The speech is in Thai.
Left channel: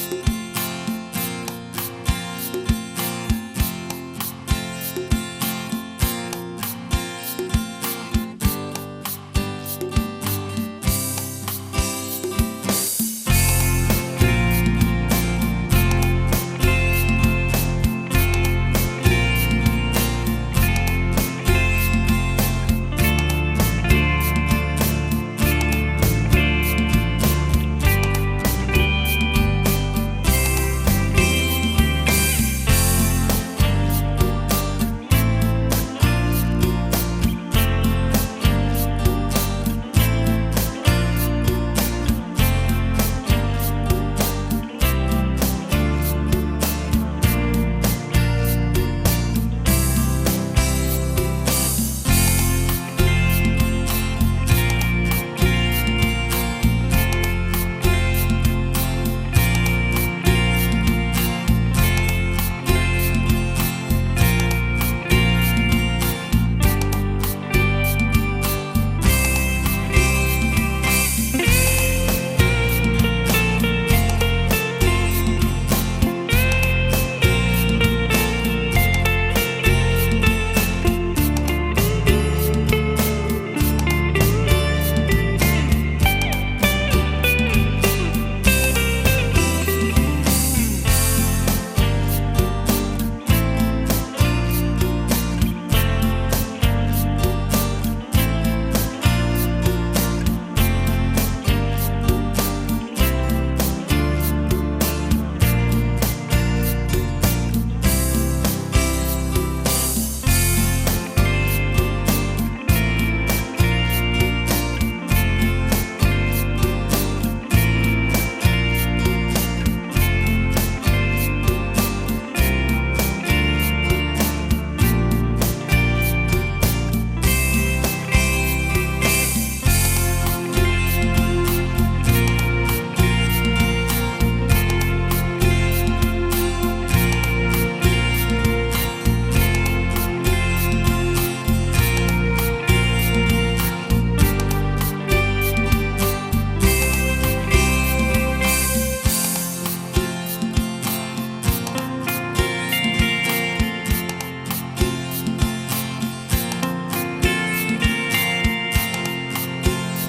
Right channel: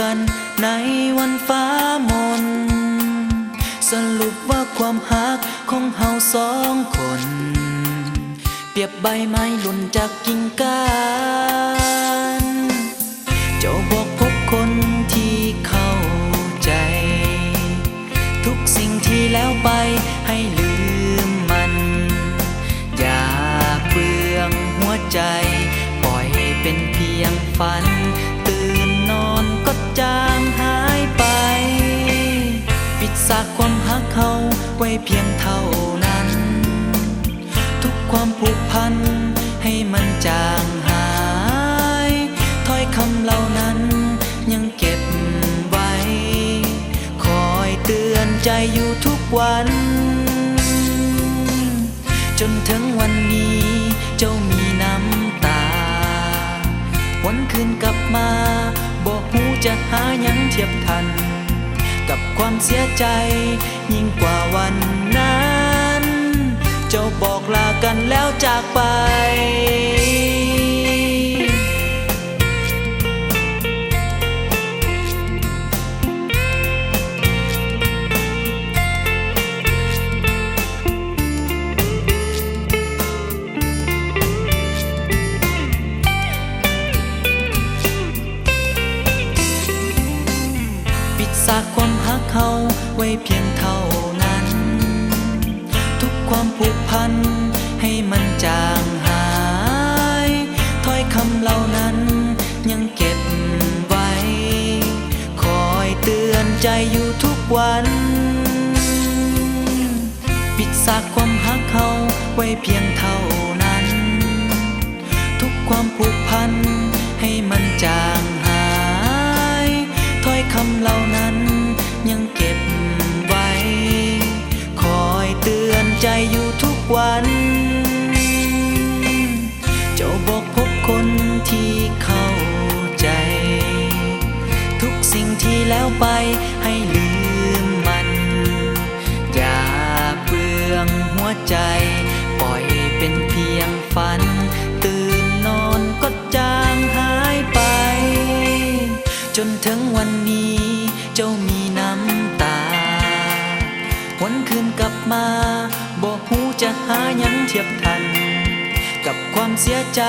กันในวันฟ้ามนสรุปว่าความหักของเฮาสองคนเปรียบใบไม้หล่นจากกิ่งก้านเจ้าบอกพบคนที่เข้าใจทุกสิ่งที่แล้วไปให้ลืมมันอย่าเปลืองหัวใจปล่อยให้เป็นเพียงฝันตื่นนอนก็จางหายไปปิดซากความหักเขาไว้เพียงเท่านั้นทุกความผูกพันให้มันจางหายถ้อยคำเหล่านั้นยังเก็บไว้คอยเตือนใจอยู่ทุกวันจนถึงวันนี้เจ้ามีน้ำตาวันคืนกลับมาบอกหูจะหายังเทียบทันกับความเสียใจยิ่งกว่าวันนั้นเจ้าบอกลากันแล้วจากไปปิดซากความหักเขาไว้เพียงเท่านั้นทุกความผูกพันให้มันจางหายถ้อยคำเหล่านั้นยังเก็บไว้คอยเตือนใจอยู่ทุกวันปิดซากความหักเขาไว้เพียงเท่านั้นทุกความผูกพันให้มันจางหายถ้อยคำเหล่านั้นยังเก็บไว้คอยเตือนใจอยู่ทุกวันเจ้าบอกพบคนที่เข้าใจทุกสิ่งที่แล้วไปให้ลืมมันอย่าเปลืองหัวใจปล่อยเป็นเพียงฝันตื่นนอนก็จางหายไปจนถึงวันนี้เจ้ามีน้ำตาวันคืนกลับมาบอกหูจะหายังเทียบทันกับความเสียใจ